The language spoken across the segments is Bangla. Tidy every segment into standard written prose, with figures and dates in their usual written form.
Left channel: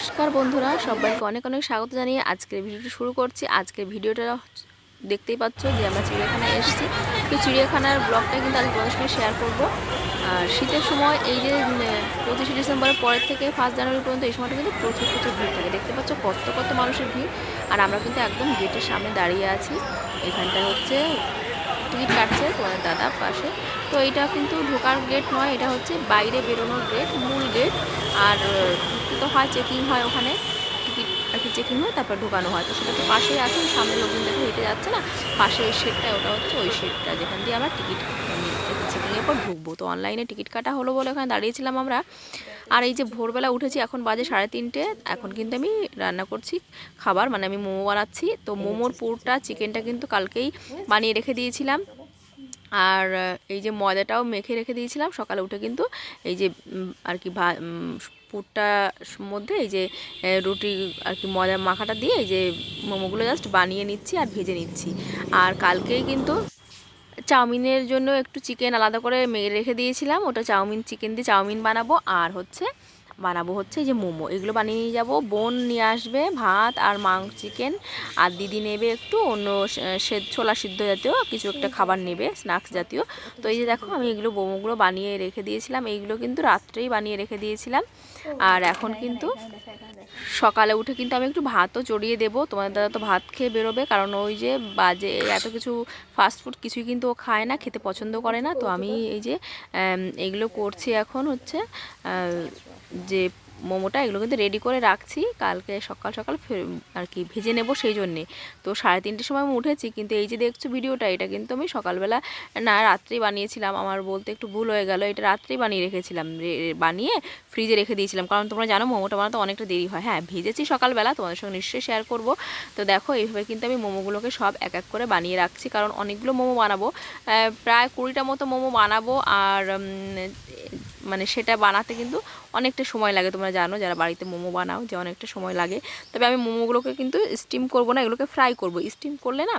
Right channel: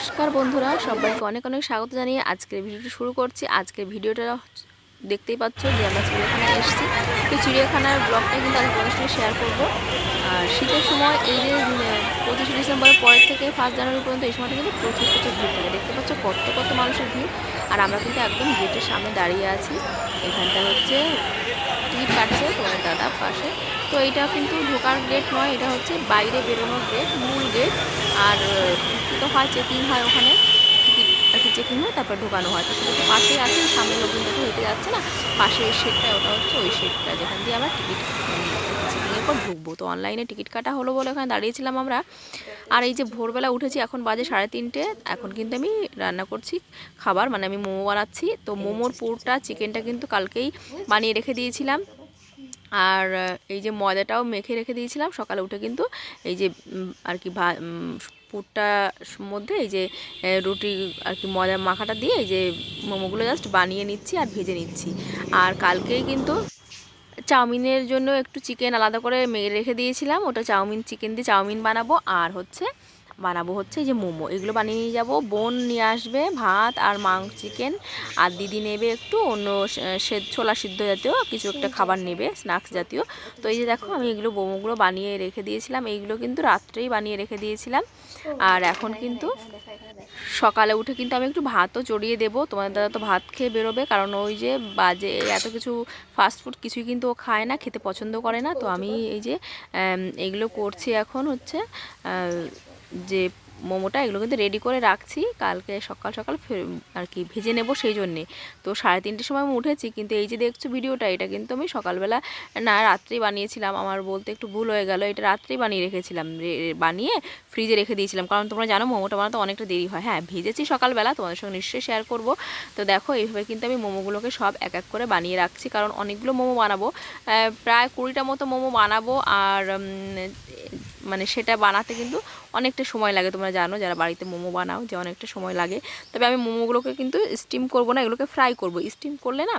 নমস্কার বন্ধুরা, সবাইকে অনেক অনেক স্বাগত জানিয়ে আজকের ভিডিওটা শুরু করছি। আজকের ভিডিওটা দেখতেই পাচ্ছ যে আমরা চিড়িয়াখানায় এসেছি। তো চিড়িয়াখানার ব্লগটা কিন্তু আজ তোমাদের সঙ্গে শেয়ার করব। আর শীতের সময় এই যে 25শে ডিসেম্বরের পরের থেকে 1 জানুয়ারি পর্যন্ত এই সময়টা কিন্তু প্রচুর প্রচুর ভিড় থাকে। দেখতে পাচ্ছ কত কত মানুষের ভিড়। আর আমরা কিন্তু একদম গেটের সামনে দাঁড়িয়ে আছি। এখানটা হচ্ছে টিকিট কাটছে তোমাদের দাদা পাশে। তো এইটা কিন্তু ঢোকার গেট নয়, এটা হচ্ছে বাইরে বেরোনোর গেট, মূল গেট। আর তো হয় চেকিং হয়, ওখানে টিকিট আর কি চেকিং হয়, তারপর ঢোকানো হয়। তো সেটা তো পাশেই আছে, সামনে লোকজন দেখো হেঁটে যাচ্ছে না, পাশে ওই শেডটা, ওটা হচ্ছে ওই শেডটা যেখান দিয়ে আমরা টিকিট চেকিংয়ের পর ঢুকবো। তো অনলাইনে টিকিট কাটা হলো বলে ওখানে দাঁড়িয়েছিলাম আমরা। আর এই যে ভোরবেলা উঠেছি, এখন বাজে 3:30। এখন কিন্তু আমি রান্না করছি খাবার, মানে আমি মোমো বানাচ্ছি। তো মোমোর পুরটা, চিকেনটা কিন্তু কালকেই বানিয়ে রেখে দিয়েছিলাম। আর এই যে ময়দাটাও মেখে রেখে দিয়েছিলাম। সকালে উঠে কিন্তু এই যে আর কি পুরটার মধ্যে এই যে রুটি আর কি ময়দা মাখাটা দিয়ে এই যে মোমোগুলো জাস্ট বানিয়ে নিচ্ছি আর ভেজে নিচ্ছি। আর কালকেই কিন্তু চাউমিনের জন্য একটু চিকেন আলাদা করে রেখে দিয়েছিলাম, ওটা চাউমিন, চিকেন দিয়ে চাউমিন বানাবো। আর বানাবো হচ্ছে এই যে মোমো, এগুলো বানিয়ে নিয়ে যাবো। বোন নিয়ে আসবে ভাত আর চিকেন, আর দিদি নেবে একটু অন্য ছোলা সিদ্ধ জাতীয় কিছু একটা খাবার নেবে, স্ন্যাক্স জাতীয়। তো এই যে দেখো আমি এগুলো মোমোগুলো বানিয়ে রেখে দিয়েছিলাম। এইগুলো কিন্তু রাত্রেই বানিয়ে রেখে দিয়েছিলাম। আর এখন কিন্তু সকালে উঠে কিন্তু আমি একটু ভাতও চড়িয়ে দেবো। তোমাদের দাদা তো ভাত খেয়ে বেরোবে, কারণ ওই যে বাজে এত কিছু ফাস্টফুড কিছুই কিন্তু ও খায় না, খেতে পছন্দ করে না। তো আমি এই যে এইগুলো করছি এখন হচ্ছে যে মোমোটা, এগুলো কিন্তু রেডি করে রাখছি, কালকে সকাল সকাল আর কি ভেজে নেব সেই জন্যে। তো 3:30 সময় আমি উঠেছি, কিন্তু এই যে দেখছো ভিডিওটা, এটা কিন্তু আমি সকালবেলা না, রাত্রেই বানিয়েছিলাম। আমার বলতে একটু ভুল হয়ে গেল, এটা রাত্রেই বানিয়ে রেখেছিলাম, বানিয়ে ফ্রিজে রেখে দিয়েছিলাম। কারণ তোমরা জানো মোমোটা বানাতে অনেকটা দেরি হয়। হ্যাঁ, ভেজেছি সকালবেলা, তোমাদের সঙ্গে নিশ্চয়ই শেয়ার করব। তো দেখো এইভাবে কিন্তু আমি মোমোগুলোকে সব এক এক করে বানিয়ে রাখছি, কারণ অনেকগুলো মোমো বানাবো, প্রায় 20টা মতো মোমো বানাবো। আর মানে সেটা বানাতে কিন্তু অনেকটা সময় লাগে, তোমরা জানো যারা বাড়িতে মোমো বানাও যে অনেকটা সময় লাগে। তবে আমি মোমোগুলোকে কিন্তু স্টিম করব না, এগুলোকে ফ্রাই করব। স্টিম করলে না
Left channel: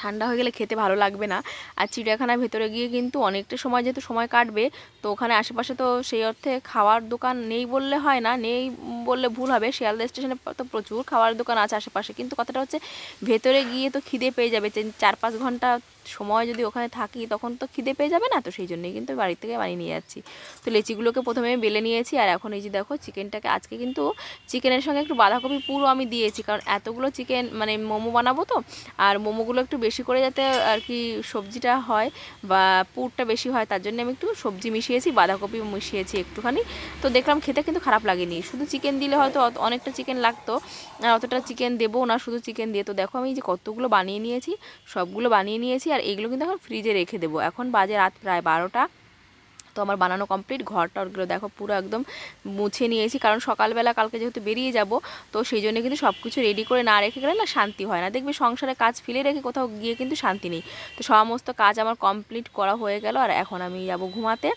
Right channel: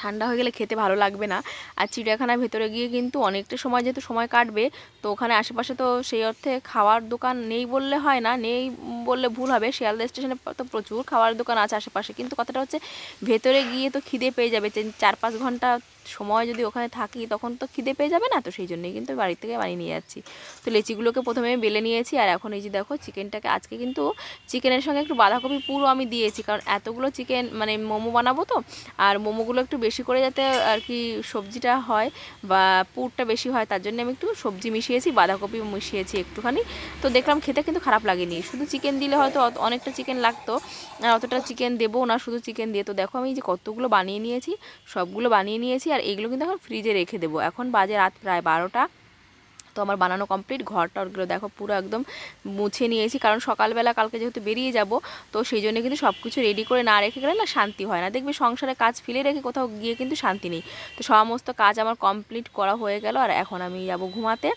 ঠান্ডা হয়ে গেলে খেতে ভালো লাগবে না। আর চিড়িয়াখানার ভেতরে গিয়ে কিন্তু অনেকটা সময় যেহেতু সময় কাটবে, তো ওখানে আশেপাশে তো সেই অর্থে খাওয়ার দোকান নেই বললে হয় না, নেই বললে ভুল হবে। শিয়ালদা স্টেশনে তো প্রচুর খাওয়ার দোকান আছে আশেপাশে, কিন্তু কথাটা হচ্ছে ভেতরে গিয়ে তো খিদে পেয়ে যাবে। 4-5 ঘন্টা সময় যদি ওখানে থাকি তখন তো খিদে পেয়ে যাবে না। তো সেই জন্যই কিন্তু বাড়ি থেকে বানিয়ে নিয়ে যাচ্ছি। তো লেচিগুলোকে প্রথমে বেলে নিয়েছি, আর এখন এই যে দেখো চিকেনটাকে আজকে কিন্তু চিকেনের সঙ্গে একটু বাঁধাকপি পুরো আমি দিয়েছি, কারণ এতগুলো চিকেন মানে মোমো বানাবো তো। আর মোমোগুলো একটু বেশি করে যাতে আর কি সবজিটা হয় বা পুরটা বেশি হয়, তার জন্য আমি একটু সবজি মিশিয়েছি, বাঁধাকপি মিশিয়েছি একটুখানি। তো দেখলাম খেতে কিন্তু খারাপ লাগেনি। শুধু চিকেন দিলে হয়তো অনেকটা চিকেন লাগতো, আর অতটা চিকেন দেবো না শুধু চিকেন দিয়ে। তো দেখো আমি যে কতগুলো বানিয়ে নিয়েছি, সবগুলো বানিয়ে নিয়েছি। আর এইগুলো কিন্তু এখন ফ্রিজে রেখে দেবো। এখন বাজে রাত প্রায় 12টা। তো আমার বানানো কমপ্লিট। ঘরটা ওগুলো দেখো পুরো একদম মুছে নিয়েছি, কারণ সকালবেলা কালকে যেহেতু বেরিয়ে যাব, তো সেই জন্য কিন্তু সব কিছু রেডি করে না রেখে গেলে না শান্তি হয় না। দেখবি সংসারে কাজ ফেলে রেখে কোথাও গিয়ে কিন্তু শান্তি নেই। তো সমস্ত কাজ আমার কমপ্লিট করা হয়ে গেল, আর এখন আমি যাব ঘুমাতে,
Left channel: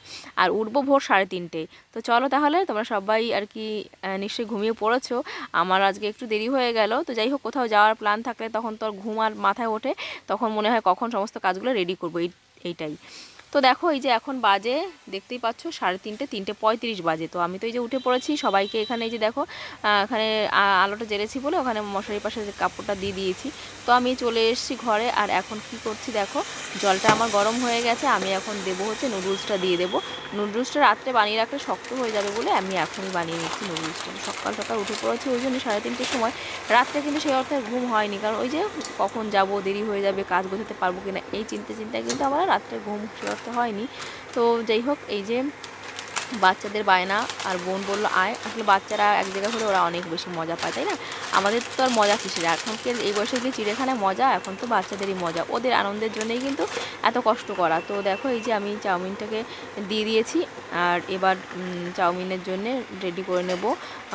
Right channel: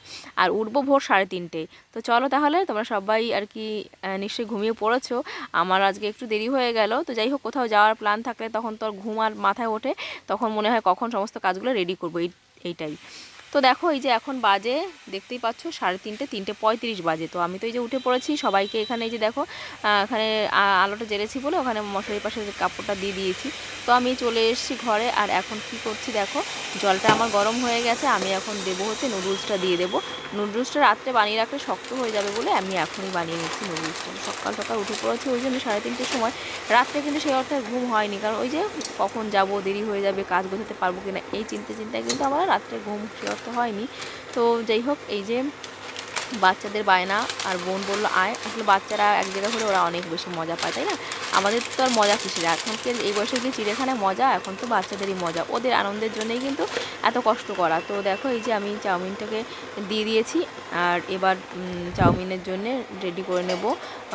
আর উঠবো ভোর 3:30। তো চলো তাহলে, তোমরা সবাই আর কি নিশ্চয়ই ঘুমিয়ে পড়েছো। আমার আজকে একটু দেরি হয়ে গেল। তো যাই হোক, কোথাও যাওয়ার প্ল্যান থাকলে তখন তো আর ঘুম আর মাথায় ওঠে, তখন মনে হয় কখন সমস্ত কাজগুলো রেডি করবো, এইটাই। তো দেখো এই যে এখন বাজে দেখতেই পাচ্ছ 3:30, 3:35 বাজে। তো আমি তো এই যে উঠে পড়েছি, সবাইকে এখানে এই যে দেখো এখানে আলোটা জ্বেলেছি বলে ওখানে মশারির পাশে কাপড়টা দিয়ে দিয়েছি। তো আমি চলে এসেছি ঘরে, আর এখন কি করছি দেখো, জলটা আমার গরম হয়ে গেছে। আমি এখন দেবো হচ্ছে নুডলসটা দিয়ে দেবো। নুডলসটা রাত্রে বানিয়ে রাখলে শক্ত হয়ে যাবে বলে আমি এখনই বানিয়ে নিচ্ছি নুডলসটা। সকাল সকাল উঠে পড়েছি ওই জন্য 3:30-র সময়। রাত্রে কিন্তু সেই অর্থে ঘুম হয়নি, কারণ ওই যে কখন যাব, দেরি হয়ে যাবে, কাজ গোছাতে পারবো কিনা এই চিন্তায় কিন্তু আমার রাত্রে ঘুম সে অর্থে হয়নি। তো যাই হোক, এই যে বাচ্চাদের বায়না, আর বোন বললো আয়। আসলে বাচ্চারা এক জায়গায় হলে ওরা অনেক বেশি মজা পায়, তাই না? আমাদের তো আর মজা কিসের, এখনকার এই বয়সে গিয়ে চিড়িয়াখানায় মজা, এখন তো বাচ্চাদেরই মজা, ওদের আনন্দের জন্যই কিন্তু এত কষ্ট করা। তো দেখো এই যে আমি চাউমিনটাকে দিয়ে দিয়েছি, আর এবার চাউমিনের জন্য রেডি করে নেব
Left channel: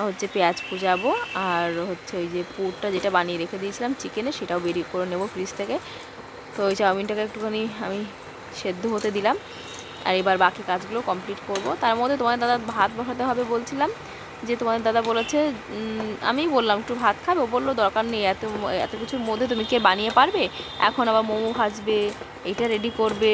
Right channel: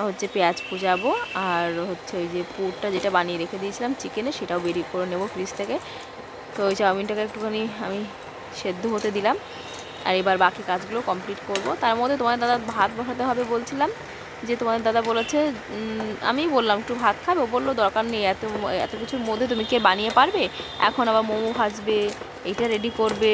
হচ্ছে পেঁয়াজ কুচাবো, আর হচ্ছে ওই যে পুরটা যেটা বানিয়ে রেখে দিয়েছিলাম চিকেনে, সেটাও বেরিয়ে করে নেব ফ্রিজ থেকে। তো ওই চাউমিনটাকে একটুখানি আমি সেদ্ধ হতে দিলাম, আর এবার বাকি কাজগুলো কমপ্লিট করব। তার মধ্যে তোমার দাদা ভাত বসাতে হবে বলছিলাম, যে তোমাদের দাদা বলেছে, আমি বললাম একটু ভাত খাবে, ও বললো দরকার নেই, এত এত কিছুর মধ্যে তুমি কে বানিয়ে পারবে, এখন আবার মোমো ভাজবে, এইটা রেডি করবে,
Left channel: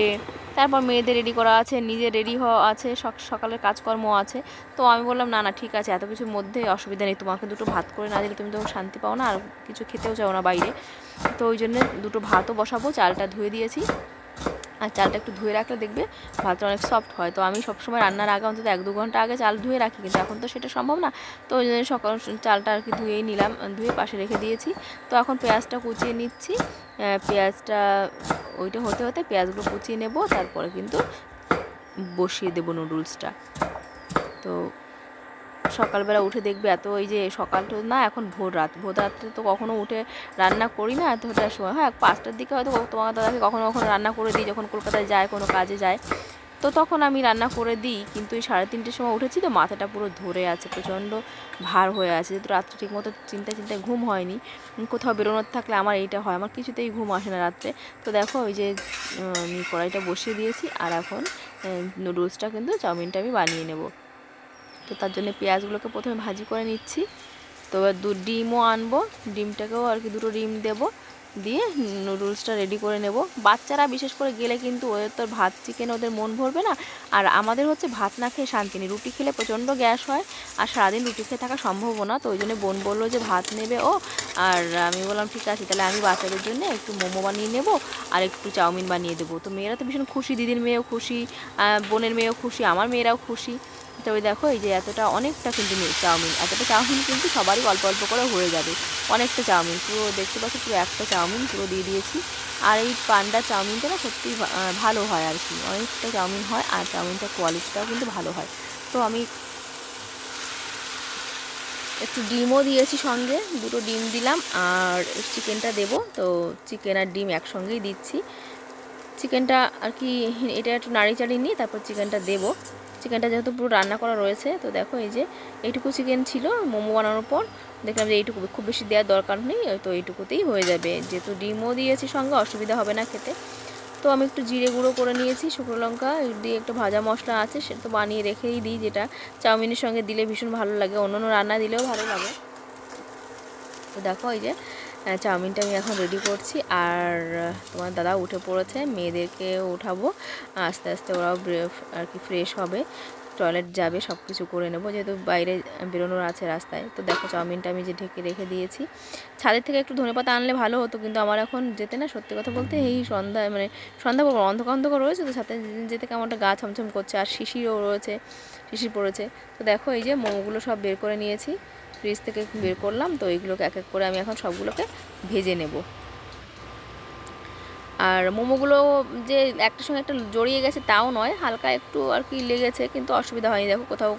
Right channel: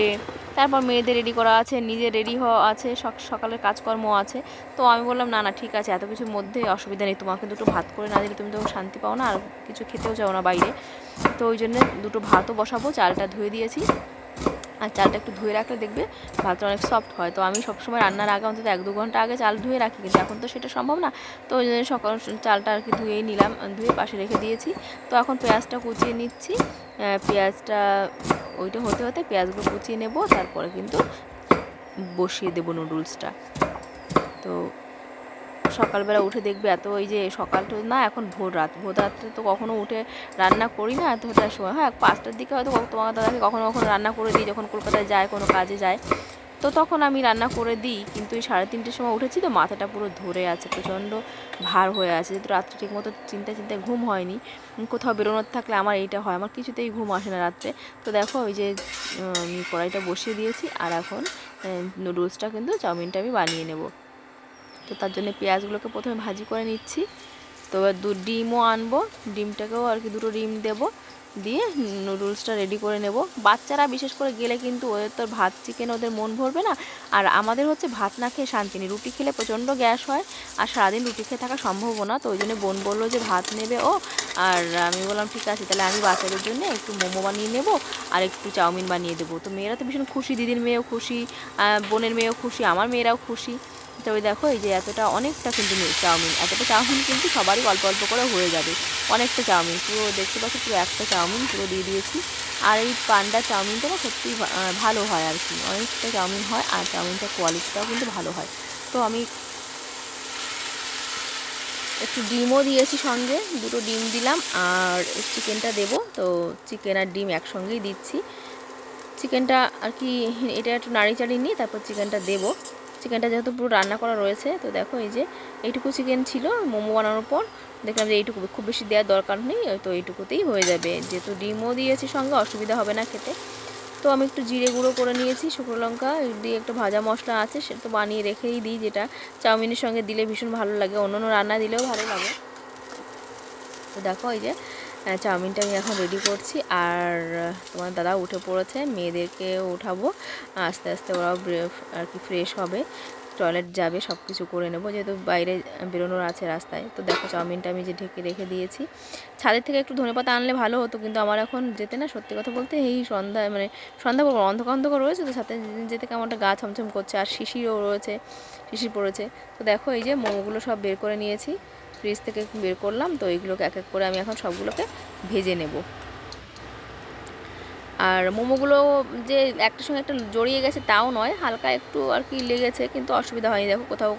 তারপর মেয়েদের রেডি করা আছে, নিজে রেডি হওয়া আছে, সকালের কাজকর্ম আছে। তো আমি বললাম না না ঠিক আছে, এত কিছুর মধ্যে অসুবিধা নেই, তোমাকে দুটো ভাত করে না দিলে তুমি তো শান্তি পাও না, আর কিছু খেতেও চাও না বাইরে। তো ওই জন্য দুটো ভাতও বসাবো, চালটা ধুয়ে দিয়েছি। আর চালটা একটু ধুয়ে রাখলে দেখবে ভাতটা অনেক সফট হয়। তো আমি সবসময় রান্নার আগে অন্তত 1-2 ঘন্টা আগে চাল ধুয়ে রাখি, কিন্তু এখন তো সেটা সম্ভব না। তো ওই জন্য সকাল চালটা আর কি ধুয়েই নিলাম, ধুয়ে পাশে রেখে দিয়েছি। তো এখন পেঁয়াজটা কুচিয়ে নিচ্ছি। পেঁয়াজটা ওইটা হতে হতে পেঁয়াজগুলো কুচিয়ে নেব, তারপরে কিন্তু বসিয়ে দেবো নুডলসটা। তো সকালবেলা উঠে দেখবে এত, এই যে সকালটা না, এখন ভোর রাত্রে তো কখনো উঠে রান্না করি না এতটার সময়। হ্যাঁ 5টার দিকে হয়তো তোমার দাদাকে কখনো কখনো রান্না করে দিই, যখন কলকাতায় যায় কোনো কাজে যায়, তো তখন আমি রান্না করে দিই। কিন্তু এই 3:30টার সময় উঠেছি তো মাথাটা পুরো ধরে আছে, প্রচণ্ড ভার হয়ে আছে, যেহেতু রাত্রে ঠিকমতো চিন্তায় ঘুম হয়নি। কোথাও বেরোনোর থাকলে আমার এইটা হয়, আমার কিছুতেই ঘুম আসে না রাত্রে। তো দেখো ওই যে আমি কড়াইটা বসিয়ে দিয়েছি, আর এখন নুডলসটা কিন্তু চাউমিনটা আমি বানিয়ে নেব। তো তার জন্য পেঁয়াজগুলোকে প্রথমে ভাজি করে নিচ্ছি। তো এবার ডিমও আনবো, ডিমটাকেও আর কি 2টো ডিম দেবো, দিয়ে নুডলসটা রেডি করে নেব। বাচ্চারা বিশেষ করে গেলে কিন্তু ওদের তো ভাত চিকেন ওদের মন ভরবে না, আর আমাদের হচ্ছে ভাত না খেয়ে শান্তি নেই। রুটি খেলে প্রচণ্ড গ্যাস হয়, আর সারাদিন রুটি খেয়ে থাকা সম্ভব না। তো ওই জন্য বোন বললো যে ভাত নেবে ও, আর আমি বললাম ঠিক আছে, তাহলে আমি বাচ্চাদের জন্য একটু মোমো বানিয়ে নেব আর একটু চাউমিন বানিয়ে দেবো। তো মেয়েরা তো ভীষণ খুশি, দিদির মেয়েও খুশি, বোনের মেয়েও খুশি, আমার মেয়েরাও খুশি। তো ওই দেখো এই যে এতটা অনেকটা কিন্তু চাউমিন, এতটা চাউমিন কিন্তু সবারই অল্প অল্প করে হয়ে যাবে। অনেকটা চাউমিন, পুরো দেখতে পাচ্ছি পুরো একটা চাউমিন পুরো দিয়ে দিয়েছি। আর এই পান্ডা চাউমিনটা না সত্যি ভালো হয় আর কি, অনেকটা চাউমিন হয়, আর চাউমিনটার কোয়ালিটিটাও কিন্তু ভালো হয়। তো আমি একটু ডিমও দিয়েছি সঙ্গে, 2টো ডিম দিলাম, আর চিকেনটা দেবো। তো চিকেন আর ডিম একসঙ্গেই দিচ্ছি। চিকেনটা আর কি এটা একটু নাড়ি চাড়িয়ে নিয়ে তারপর চিকেনটা দেবো। চিকেনটা যেহেতু পুরো রান্না করা রয়েছে, তো দেখো এই যে এইটুকু চিকেন ছিল মোমো বানানোর পর, দেখলাম যে এইটুকু খুব বেশি দেওয়ার দরকার নেই, তো এইটুকুতেই হয়ে যাবে, যেহেতু ডিমও দিয়েছি সঙ্গে অসুবিধা হবে না খেতে। তো আমি একটু জিরে গুঁড়ো করে নিয়েছি, শুকনো লঙ্কা দিয়ে একটু ভাজা মশলা আছে, সেটা তো বানিয়ে রেখেই দিই, যেটা চাউমিনের সঙ্গে দিলে ভীষণ ভালো লাগে, অন্য অন্য রান্না দিলেও ভালো লাগে। তো দেখো এই যে চাউমিনটা আমি এখন রেডি করছি, আর তোমার দাদা উঠে পড়েছে, মেয়েদেরকেও উঠাবো আস্তে আস্তে, ওরাও আর কি ফ্রেশ হবে, টয়লেট যাবে, সব কিছু করে নেবো, যেহেতু বাইরে বেরোনোর আছে রাস্তায়। তো দেখো চাউমিনটা আমি যে ঢেকে রেখে দিয়েছি। ছাদের থেকে একটু ধনেপাতা আনলে ভালো হতো, কিন্তু আমার এখন যেতে না, সত্যি কথা বলতে এই সন্ধ্যা অন্ধকার অন্ধকার রয়েছে, তো সাথে যেতে কেমন একটা গা ছমছম করছে, আর শিশিরও রয়েছে, শিশির পড়েছে। তো দেখো এই যে মোমোগুলো সব বের করে নিয়েছি, ফ্রিজ থেকে বের করলাম। তো এইগুলোকে এক এক করে আমি এখন সবগুলোকে ভেজে নেব। আর মোমোগুলো যে একটার সঙ্গে একটা জড়িয়ে গেছে তাও নয়, হালকা একটু আর কি লেগেছে, কিন্তু অসুবিধা হয়নি, দেখো কোথাও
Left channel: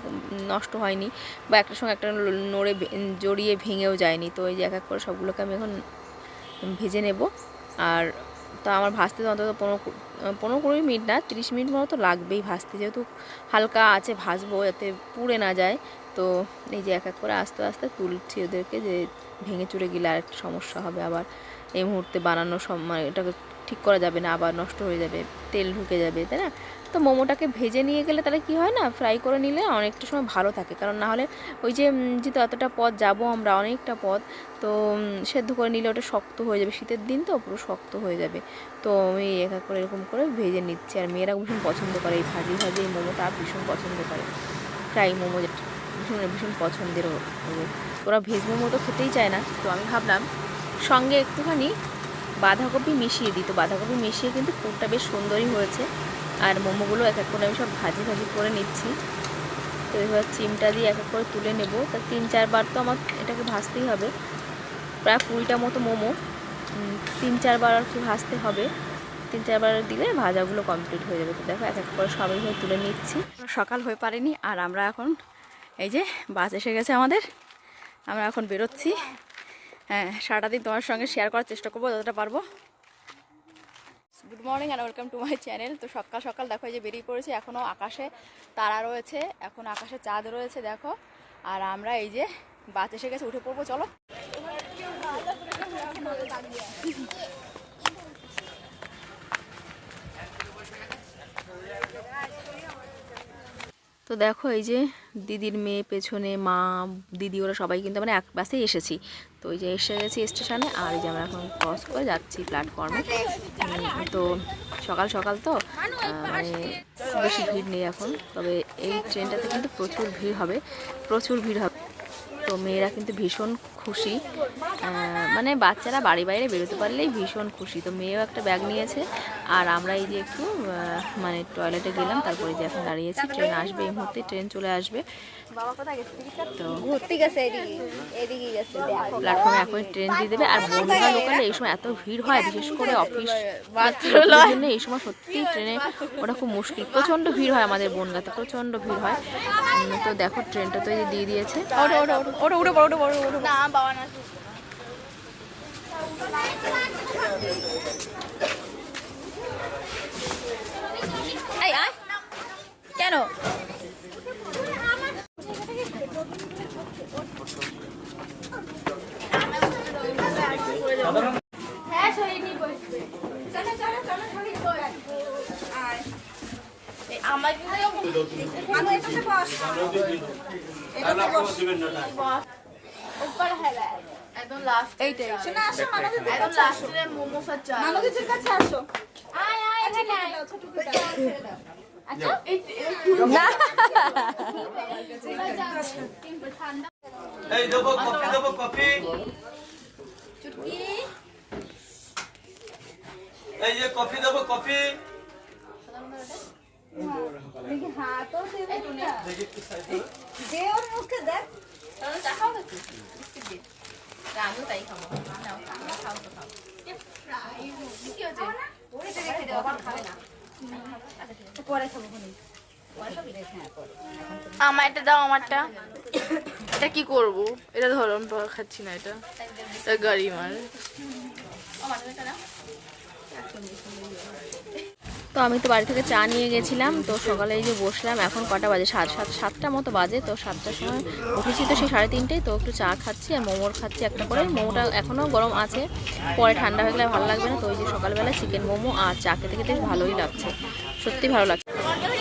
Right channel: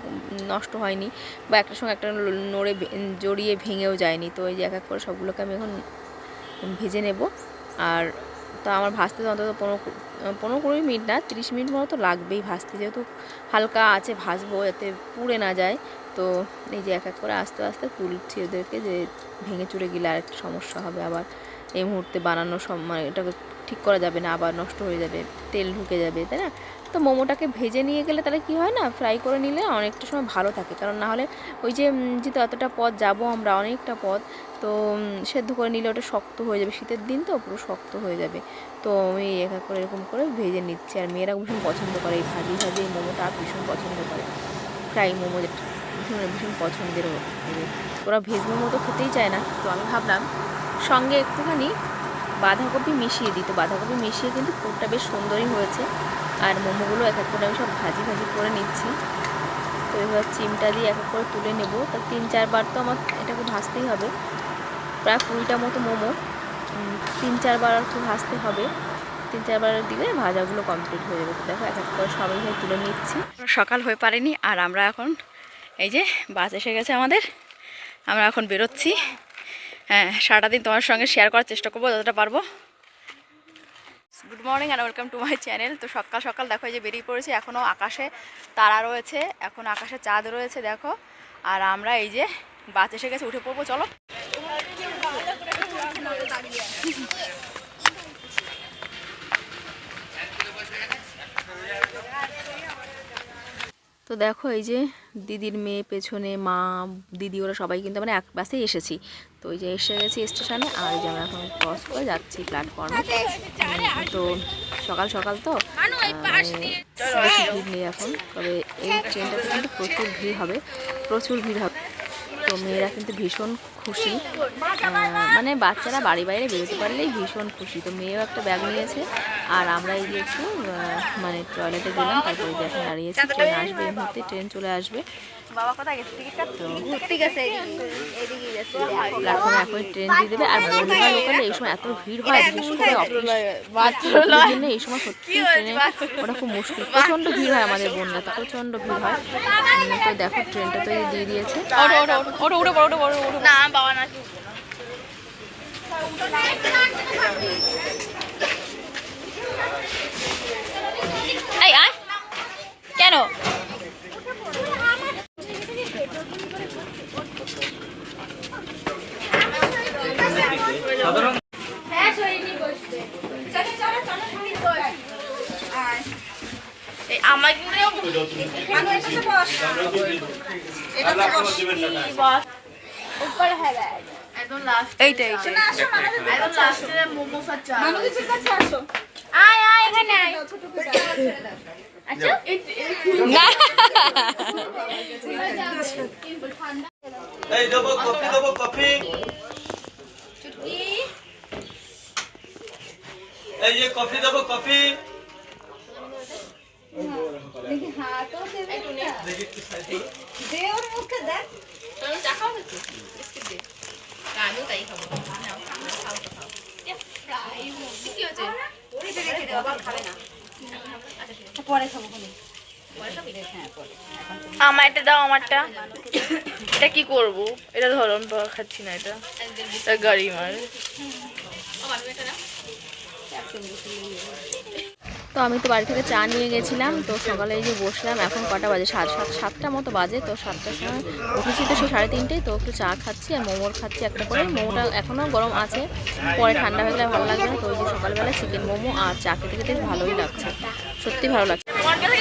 নষ্ট হয়নি, বা একটার সঙ্গে একটা নড়ে জড়িয়ে ভেঙেও যায়নি। তো এই যে এক এক করে সবগুলোকে আমি এখন ভেজে নেব। আর তো আমার ভাজতে তো অন্তত 15-20 মিনিট না, 30 মিনিট মতো তো লাগবেই ভাজতে, যেহেতু হালকা আছে ভাজবো যাতে পুড়ে না যায়। তো এই যে এক এক করে আস্তে আস্তে তুলছি ওদেরকে, যে ভেঙে চুরে গেলে আর একটা সমস্যা হবে, আবার এই মুহূর্তে বানানোর সময় এটাকে ঠিক করা যাবে না, আবার নষ্ট হয়ে যাবে, তেল ঢুকে যাবে, তাই না? তো মোমোটাকে ভেজে নিয়ে গেলে তাহলে কি হয় না, ফ্রাই করে নিলে অনেকটা সময় ভালো থাকে, কারণ না হলে ওই যে যেহেতু এতটা পথ যাবো আমরা, অনেকটা পথ, তো সেদ্ধ করে নিলে ওটা শক্ত হয়ে যাবে, শীতের দিন তো পুরো শক্ত হয়ে যাবে। তো আমি এক এক করে এরকম করে ভেজে নিচ্ছি, আর মেয়েরা ভীষণ পছন্দ করে এই ভাজি এই মোমোটা ভীষণ পছন্দ করে, ফ্রাই মোমো যেটা ভীষণ ভীষণ পছন্দের ওদের। ওরা ভেজ মোমো তো খেতেই চায় না, তো আমি ভাবলাম সঙ্গে একটুখানি বাঁধাকপি মিশিয়ে দিই। তো বাঁধাকপি মিশিয়ে কিন্তু পুরটা বেশ সুন্দরই হয়েছে। আর মোমোগুলো এক এক করে আমি সব ভাজি করে নিচ্ছি। তো এবার চিমটা দিয়ে এক এক করে তুলে নেব। তা 3-4 বার তো আমার এটাকে ভাজতেই হবে, প্রায় 20টা মতো মোমো 3-4 বার আর কি ভাজতে হবে। 3-4 বার দিলে ভাজাগুলো কমপ্লিট হয়ে যাবে। তো দেখো এক এক করে সবাই তুলে নিচ্ছি। সকাল হয়ে পারেনি, আর আমরা এখন এই যে বাস এসে গেছে আমাদের, আমরা এখন বেরোচ্ছি। হ্যাঁ, সারাটা দিন তোমার সঙ্গে শেয়ার করার চেষ্টা করবো যতটা পারবো। Good morning and welcome to my channel. তো সকাল সকাল দেখো এই যে বেরিয়ে পড়েছি, এখনও আকাশে তারা রয়েছে, এখন আকাশে চাঁদ রয়েছে দেখো। আর আমরা এই যে বাস এসে গেছে, উঠে পড়বো, চলো। তো দেখো এই যে দিদির মেয়ে পেছনে, মা দিদি ওরা সবাই কিন্তু আমরা এক বাসেই এসেছি। তো এই যে এসে গেছি স্টেশনে, আর এই যে আমরা এখন ক্রস করে যাচ্ছি প্ল্যাটফর্মে। তো সকাল সকাল তো মানে বেশি ভিড় নেই এখন, তবে এই ট্রেনটাতে কিন্তু প্রচুর ভিড় হবে, প্রচুর ভিড় হবে। তো মেয়েরা কিন্তু ভীষণ খুশি, মানে বাচ্চারা বাড়ি বাইরে বেরোতে পারলেই ভীষণ খুশি। তো মেয়েও একটা ব্যাগ নিয়েছে, আর আমরা এই যে একটু মানে টয়লেটে গেলাম, তারপরে যে এখন দাঁড়িয়েছি, ট্রেন আসবে এই মুহূর্তে, ট্রেন চলে আসবে। তো প্ল্যাটফর্মে এখন ট্রেন দিয়ে দেবে। আর বনগা লোকালে এই সময় এত ভিড় হয়, বিশেষ করে অফিস জন্য এই সময় সত্যি ট্রেনে ওটা খুব মুশকিল, প্রচণ্ড ভিড় হয় আমাদের বনগাতে, প্রচণ্ড ভিড় হয়। তো দেখো ট্রেনটা তো দিয়ে দিয়েছে। কেন কফি দেবো, কফি আমারটা দাও, আমারটা। এটা কি করবো? এটা ধরো, আমি খাচ্ছি না, এটা গাড়ি মার। তো আমি তো বাড়ি থেকে চা নিয়ে গেছিলাম। তো সকালে এই যে বসলাম, এখন কটা বাজে, সাতটা মতো বাজে। তো 7টার সময় উঠেছি, তো সেই 3:30। তো একটু চা খাচ্ছি আর মোমোর খাচ্ছি একটা করে। মোমোটা এখনও গরম আছে, পরে ঠান্ডা হয়ে গেলে ভালো লাগবে না। তো ওই যে সকালবেলা চিকেন মোমো আর চা খেতে খেতে ভালোই লাগছে, সত্যি ভালো লাগছে।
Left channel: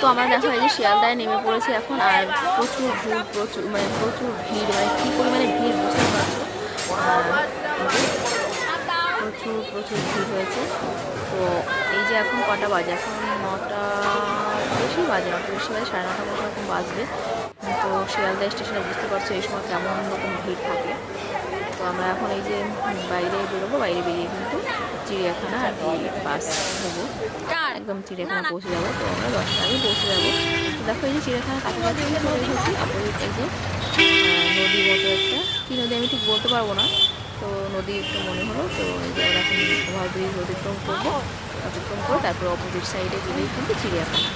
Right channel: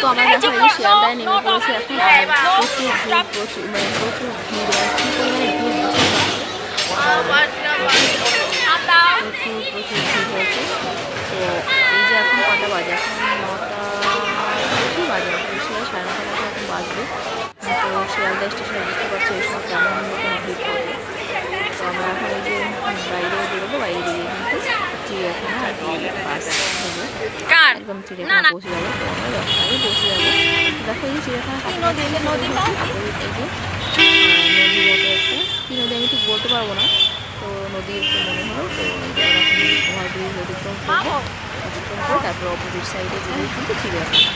তো আমরা দেখো এই যে শিয়ালদায় নেমে পড়েছি এখন, আর প্রচুর ভিড়, প্রচুর মানে কী পরিমাণে ভিড় বুঝতে পারছো, প্রচুর ভিড় হয়েছে। তো এই যে এখন কটা বাজে, এখন 9টা বেশি বাজে, 9টা বেশি বাজে, 9:30 মতো এখন বাজবে। তো শিয়ালদা স্টেশনে বুঝতে পারছো এই সময় কেমন রকম ভিড় থাকে। তো আমরা এখন এই যে বাইরে বেরোবো, বাইরে বেরিয়ে কিন্তু চিড়িয়াখানা আর কি বাস নেবো, একদম চিড়িয়াখানা পৌঁছে যাবো। তো আমরা 10টা আগে পৌঁছে যাবো। তো দেখো এই যে চিড়িয়াখানা কাছাকাছি নদী অপোজিট এই যে নদী মতো একটা, কী নদী আমি ঠিক বলতে পারবো না, তো নদী একটু মনে হলো। তো এই যে আমরা এখন ওভারব্রিজ অতিক্রম করবো, অতিক্রম করে তারপর অপোজিট সাইডে গেলেই কিন্তু চিড়িয়াখানা।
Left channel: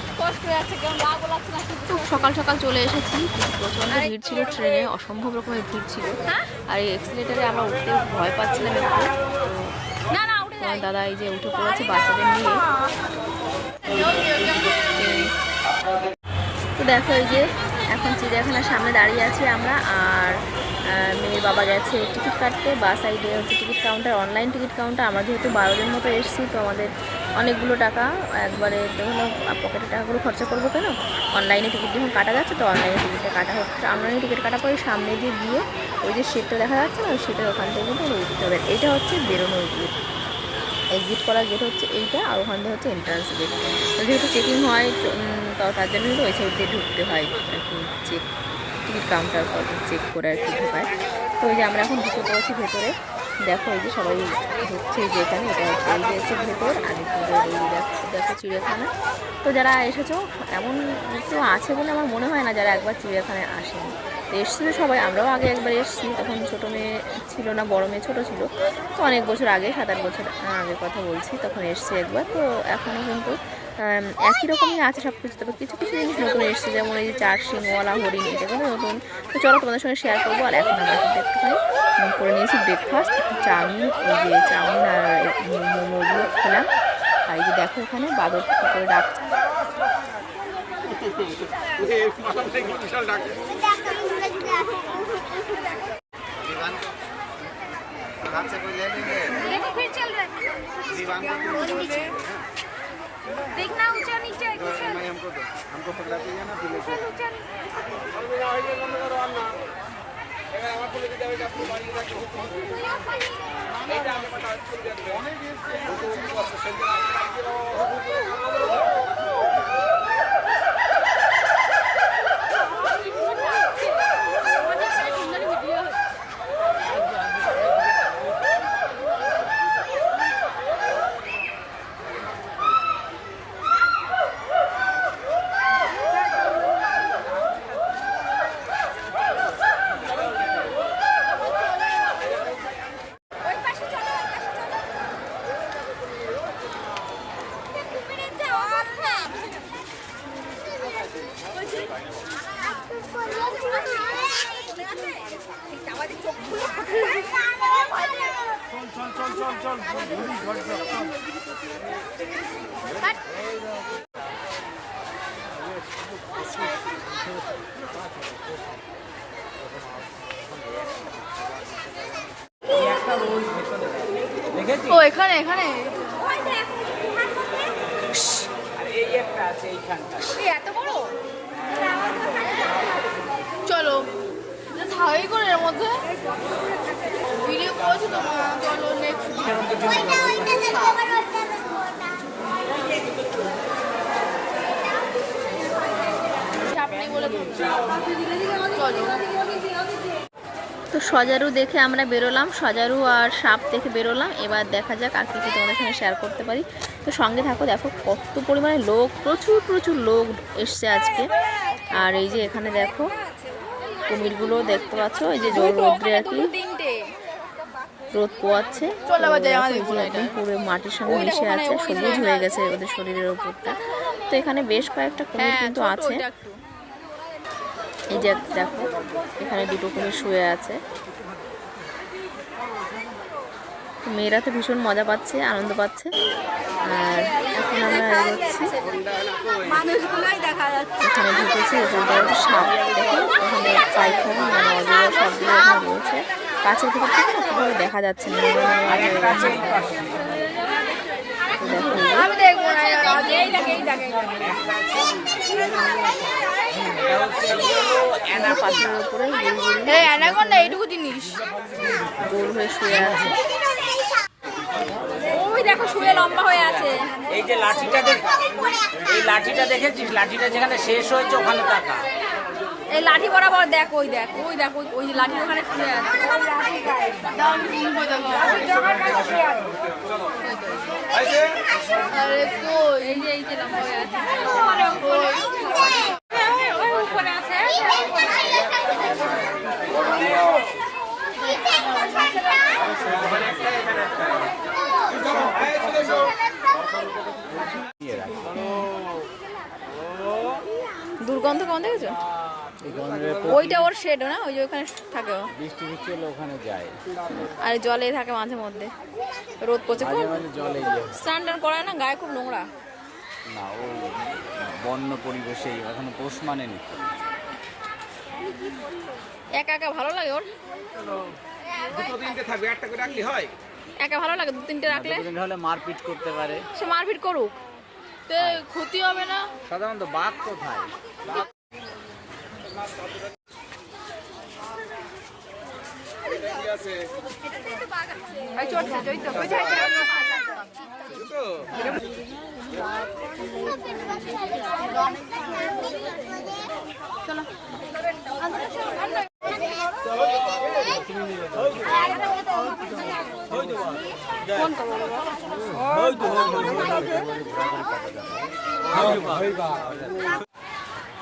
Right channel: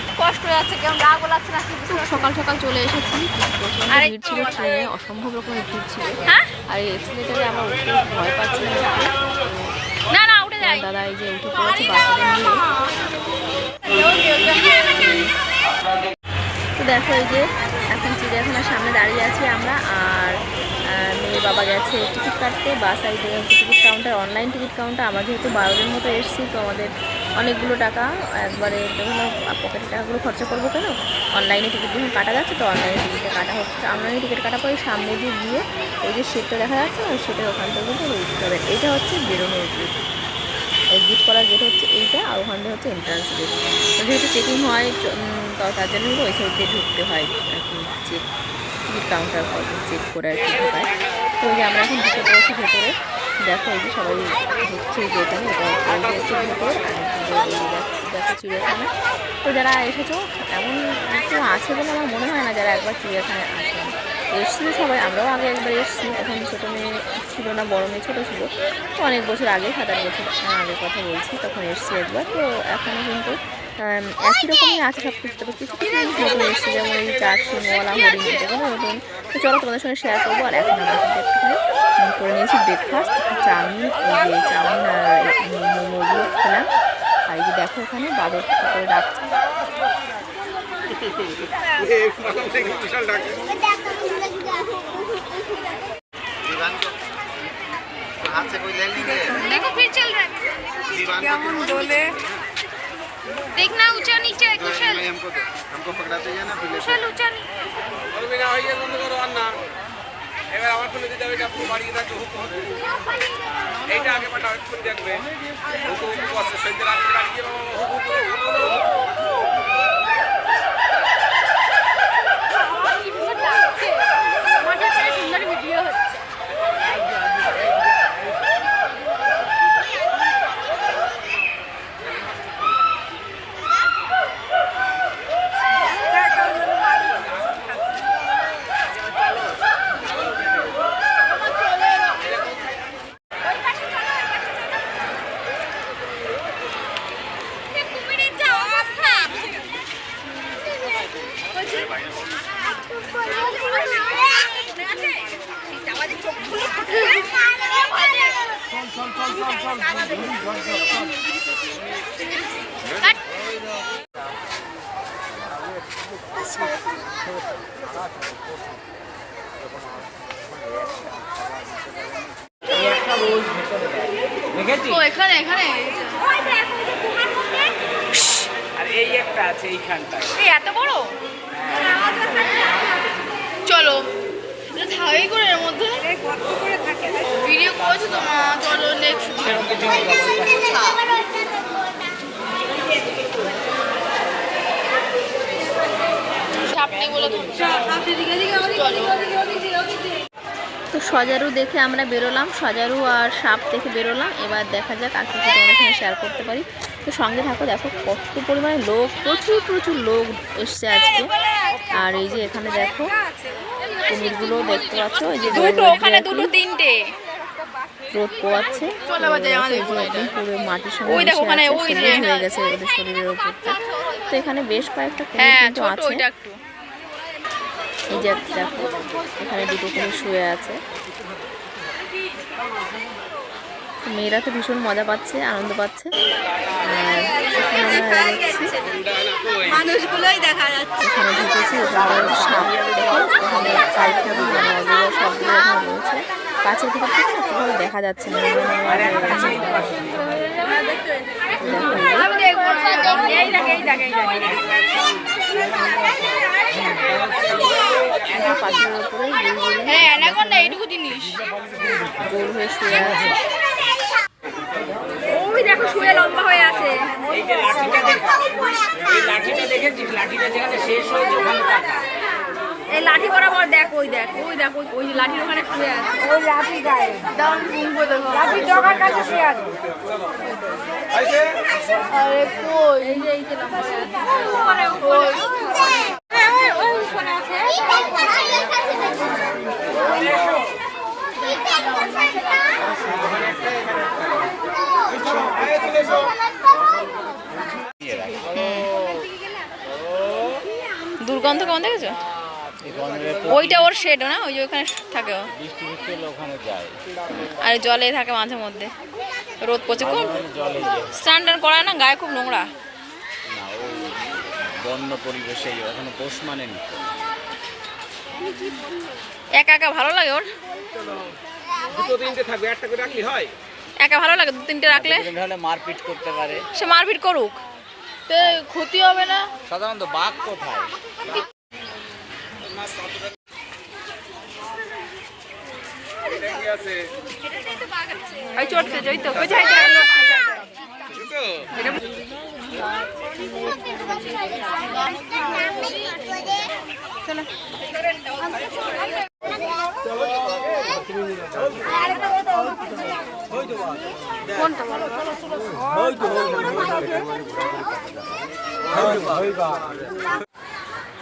তো সকাল সকাল চলে এসেছি, প্রচণ্ড ভিড় ছিল ট্রেনে, অসম্ভব রকমের ভিড় ছিল। আর এই এক্সিলেটারে আমরা উঠতে ভয় পাচ্ছিলাম একটু। তো দাদা এই যে উঠে পড়েছে বাচ্চাদের নিয়ে। তো দেখো এই যে এখন চিড়িয়াখানার সামনে দাঁড়িয়ে আছি আমরা, আর মেয়ের বাবা গেছে টিকিট কাটতে। বা সাইডে হচ্ছে ticket counter, online ticket counter. আমরা যেহেতু 12 জন মতো এসেছি, তো আমাদের অনেকগুলো টাকা একবারে হলো, পকেটের টাকাগুলো খরচা করবো কেন, অনলাইনে টিকিট যখন কাটা যাচ্ছে তো অনলাইনে টিকিটটা কাটা হোক। অনলাইনে টিকিট কাটা পরে সামনে দিয়ে গিয়ে ওই যে সিটটা দেখা যাচ্ছে না, ওই সিটের ওখান থেকে কিন্তু উঠতে হবে। এইটা হচ্ছে বেরোনোর গেট, এক্সিট করার গেট হচ্ছে এইটা, আর ওখান থেকে হচ্ছে এন্ট্রান্স গেট। তো যেহেতু চেকিং হয় তো তার জন্য কিন্তু ওই সাইড দিয়ে ঢুকতে হয় আর কি, টিকিট কাউন্টার চেক করে আর কি ঢোকায়। তো ওই যে আমরা এখন ঢুকে পড়েছি ভেতরে। দেখো এই যে সবাই ঢুকছে যে এখানে, এটা হচ্ছে এই যে হচ্ছে ভেতর, আর দেখো চিড়িয়াখানা। তো যারা এসেছো, এমন কেউ আছে বলে আমার মনে হয় না যারা একবার চিড়িয়াখানায় আসেন। এসেছিল সবাই, আমরাও আগে একবার এসেছি, তখন ছোটো মেয়ে ছিল না, বড়ো মেয়ে ছোটো ছিল। তো অনেক বছর আগে, 7-8 বছর আগের কথা বলছি, তখন এসেছি একবার। তো এখনও কিন্তু একই রকমই আছে সব কিছু, তবে কিছু কিছু জিনিস নতুন এসেছে, যেমন এই 4 শিংওয়ালা হরিণ, এগুলো নতুন। তো চলো তোমাদের সঙ্গে শেয়ার করবো। আর এখন আমরা কিন্তু একটুখানি করে নিয়েছি ব্রেকফাস্ট, চাউমিন, ওই যে চাউমিন আর মোমোগুলো খেলাম। আর এই যে দেখো এখানে বাদর করে ডাকছে। देखो फिर चल रहा है। देखना ऊंचा नीचे कुशल हमको पकड़ाते हैं ना कुशल ऊंचा नीचे এবার আমার ফোনে দিতে হবে এটা আপনি বাড়িয়ে রাখতে হবে এইটা আগে পাঠা ফোন দেখবে হুকুম আছে সেন্টার আগে রাখিয়ে ও এখানে এখানে আর এই একটা আছে এইখানটা এই এত বড় চলো থাই করে এর মধ্যে ভিডিও করেছো তো মা চলো নেক্সট আপনি বলো তো সজারু দেখে আমরা বেরোলাম, সজারু আর সাপ দেখে বেরোলাম। এবার দেখা যাক আর কিছু তোমাদের সঙ্গে শেয়ার করতে পারি। তো সঙ্গে থাকো, দেখো কত পরিমাণে লোক, প্রচুর প্রচুর লোক এসছে আজকে। আর এই যে এখানে দেখো কুমিরগুলো দেখতে পাচ্ছ, এই যে রোদ পোয়াচ্ছে। এই যে একদম পুরো মাটির সঙ্গে মিশে আছে, সবুজ হয়ে গেছে ওদের শরীরের ওপরটা। তো এখানে বেশ কয়েকটা কুমির কিন্তু আছে। এই যে দেখো এখানে দুটো কুমির শুয়ে আছে। মেয়েরা তো ভীষণ মজা পাচ্ছে, আনন্দ পাচ্ছে। আর এখন আমরা এগোচ্ছি, এখানে ঢুকেছি। এখানটা হচ্ছে সাপ, দেখো ওখানে পায়খানা মানে অজগর সবগুলো এখানে রয়েছে। কাছের ভিতর থেকে না খুবভাবে দেখা যাচ্ছে না, নোংরা নোংরা হয়ে গেছে। দেখো পাথরের উপরে গোল হয়ে শুয়ে আছে। ওই দেখো শুয়ে লম্বা হয়ে আছে। এই যে লাঠিটা দেখ, এই লাঠিটা দেখেছিস? লাঠিটা যেখানে শেষ হয়েছে ওখানে টাকা। এই লাঠি বরাবর দেখ, ওই দেখ ওই দেখ ওই যে লাঠির ওখানে শুয়ে আছে। ওই লাঠি গায়ে দাম ঘুমবো দেখো জগার কাছে শুয়ে আছে। আরে কই এই যে লম্বা হয়ে আছে মানে ওই ওই উপরে আছে। দুর্গন্ধ কেমন দেখেছো? ওইটা ওর শেড না, ওই যে ওখানে থাকে, ওখানে যায় আর জলে থাকে মাঝে মধ্যে। রোদ পড়ছে খুব, স্নান টান করায় না, গায়ে খুব নোংরা। বন্য পরিবেশে ওখানে দোষ মানে নি। একা একা ভালো লাগে ওর? দুটো তিনটে থাকবে, একটা করে রাখলে হয়? একা ভালো লাগে, দু তিনটে রাখলে তাহলে মারপিট করতে পারে। সে মারপিট করুক, ক্ষতি হবে না। সাধারণত বাঘ কোথায়?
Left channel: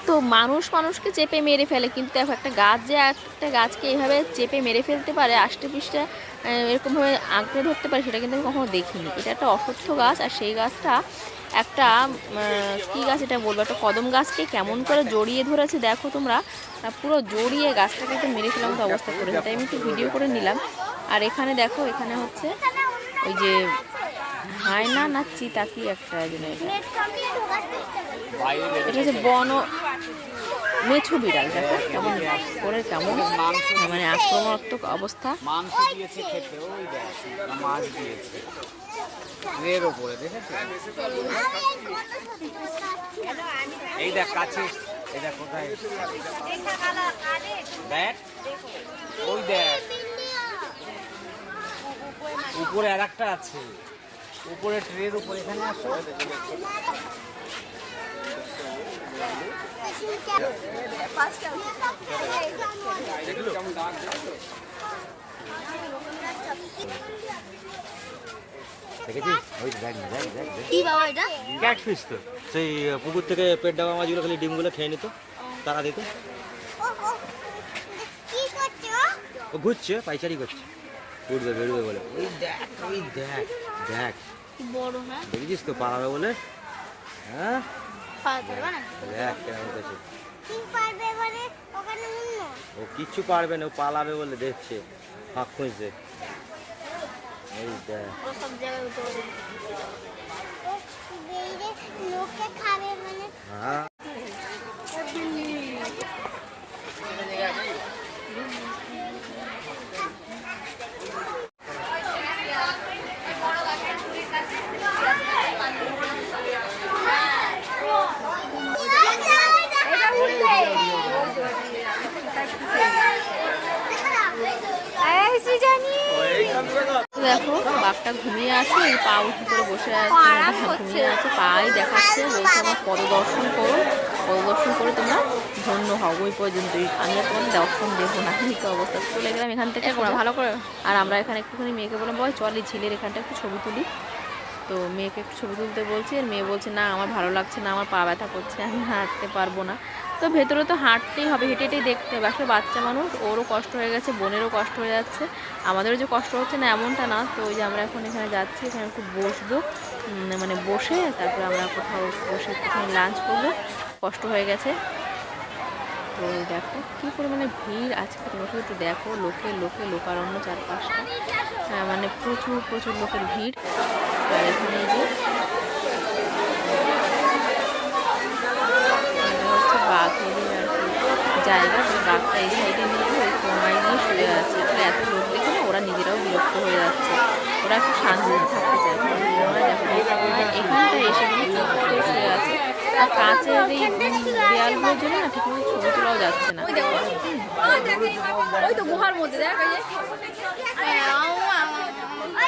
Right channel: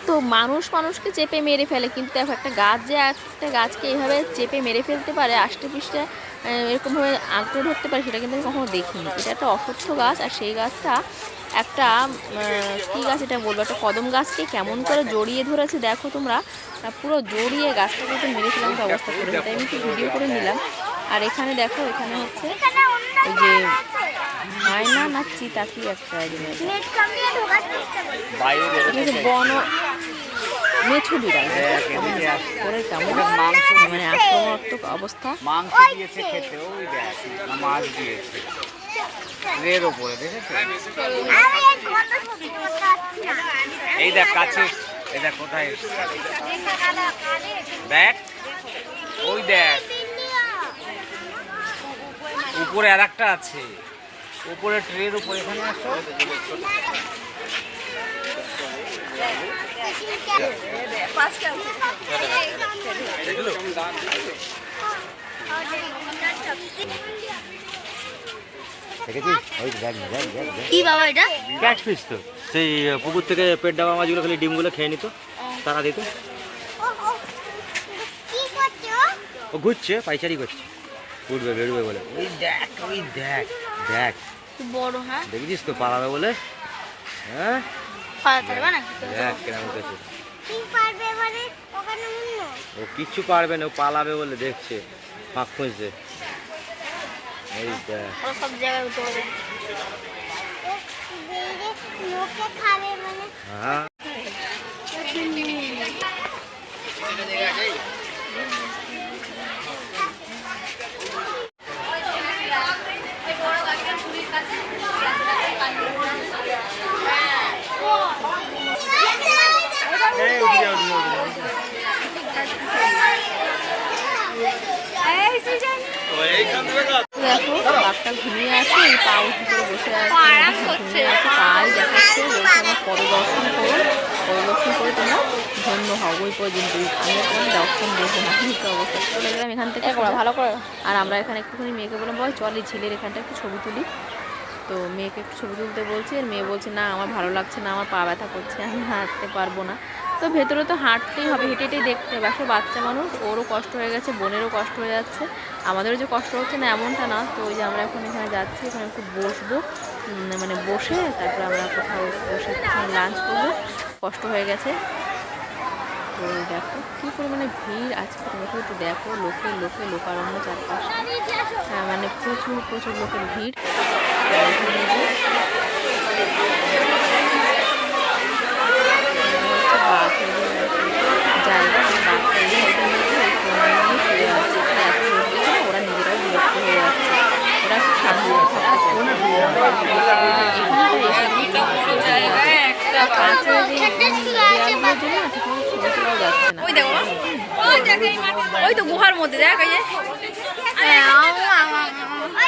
তো মানুষ মানুষকে চেপে মেরে ফেলে, কিন্তু দেখো একটা গাছ যে একটা গাছকে এইভাবে চেপে মেরে ফেলতে পারে, আষ্টে পৃষ্ঠে এরকমভাবে আঁকড়ে ধরতে পারে, সেটা কিন্তু আমি কখনো দেখিনি। এটা একটা অশ্বত্থ গাছ, আর সেই গাছটা একটা কী গাছ এটা বলবো, একটা কদম গাছকে কেমন করে জড়িয়ে ধরেছে দেখো তোমরা, পুরো জড়িয়ে গাছটাকে তো মেরে ফেলার মতো অবস্থা করেছে। তাই আমি একটু ভিডিও করে নিলাম। আর এখানে দেখো, এখানে হচ্ছে ওই যে হায়না না চিতা কি একটা, এটা হচ্ছে বন মেছো বিড়াল। দেখো কেমন করে, কেমন মানে আক্রমণাত্মক অবস্থা। মাংস দিয়েছে খেতে, ওই দেখ মাছ দিয়েছে। ট্রের ওপরে দেখেছো? এই দেখ কাছে, এই দেখ কোথায় এসছে। দেখ ওই দেখ উপরে আর একটা আছে, উপরে ট্রের উপরে। এখানে আসো। কি বাবা এটা? ক্যাট ফিশ তো, সেই পুকুর থেকে পেট ডাবা মাছগুলো খালি ডিমগুলো খেয়ে নিত, তারা দিত। ও ঘুরছে, পাইচারি করছে, উঠবে বেরোবে বলে। ওই দেখ, ওই দেখ, দেখ বড়। হ্যাঁ, দেখছিস তো পালাবে বলে। হ্যাঁ পারবে না। দেখ কেন করছে। ও কিচ্ছু পারবে না, ও পালাবে বলে দেখছে, ফাঁক খুঁজছে। এই দেখ, ও সব জায়গায় উঠে পড়ে। হ্যাঁ দেখো বাঘটা ঘুমিয়ে আছে, এই পা উঠে করে বসে আছে, ঘুমিয়ে আছে, পাই দেখাচ্ছে, বলছে আমার পদদর্শন করো, পদদর্শন করে তোমরা ধন্য হও। ওই পর্যন্তই, আমি আর কোনো দর্শন দেবো না। এই তো অবস্থা, চলে গেলাম এখান থেকে ভালো করে। আর আমরা এখানে একটুখানি মেয়েকে বললাম, বল চল এই ঝিলের এখানটা একটু ছবি তুলি। তো মেয়েকে একটু ছবি তুলতে বলছি, আর মেয়ে বলছে না আমার ভালো লাগছে না, আমার পা ব্যথা করছে, আমি হাঁটতে পারবো না। তো ভেতরে তো হাঁটতেই হবে, হেঁটে হেঁটেই দেখতে হবে। আসলে বাচ্চা মানুষ, ওরও কষ্ট হয়ে গেছে, বোনেরও কষ্ট হয়ে যাচ্ছে, আমাদেরও যে কষ্ট হচ্ছে না এমনটা না। তো ওই যে আমরা এখন এখানে যাচ্ছি, এখানে একটু বসবো, মানে বসে তারপরে আমরা কোথাও বসে একটুখানি লাঞ্চ করবো, কষ্ট হয়ে গেছে। তো দেখো কী পরিমাণে ভিড় আজকে, তুমি একটু দেখো, লোকে লোকে লোকারণ্য চারপাশটা, মানে প্রচুর প্রচুর লোকের ভিড়। আর এখানে যে হচ্ছে বাঘেরই আর কি জায়গা, মানে বাঘটা এই সাইডের মধ্যে ওই কোনায় গিয়ে শুয়ে আছে। এখানে এত লোক দেখে না ওরা নিজেরাও বিরক্ত হয়ে যাচ্ছে, ওরা একটু শান্তিতে থাকতে চায়। এখানটায় এসে কিন্তু চুপ করে শুয়ে আছে, আর কাঁচের এই দেয়ালগুলোর জন্য না ঠিকমতো ছবি তোলাও যাচ্ছে না। ওই দেখো, ওই তো গুহার মধ্যে দেখ, ওই যে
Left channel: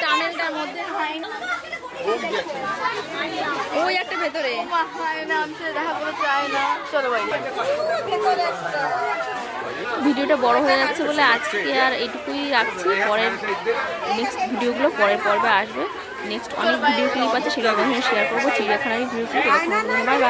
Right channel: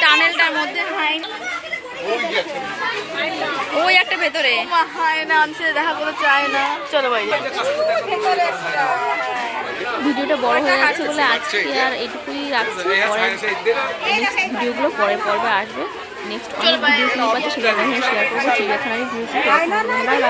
টানেলটার মধ্যে ওই একটা ভেতরে দেখা করতে চায় না। চলো বাইরে। ভিডিওটা বড় হয়ে যাচ্ছে বলে আজকে আর এইটুকুই রাখছি, পরের নেক্সট ভিডিওগুলো পরের পর্বে আসবে। নেক্সট অনেক ভিডিও ক্লিপ আছে, সেগুলো আমাদের শেয়ার করবো, চিড়িয়াখানারই ভিডিও ক্লিপ। Bye bye.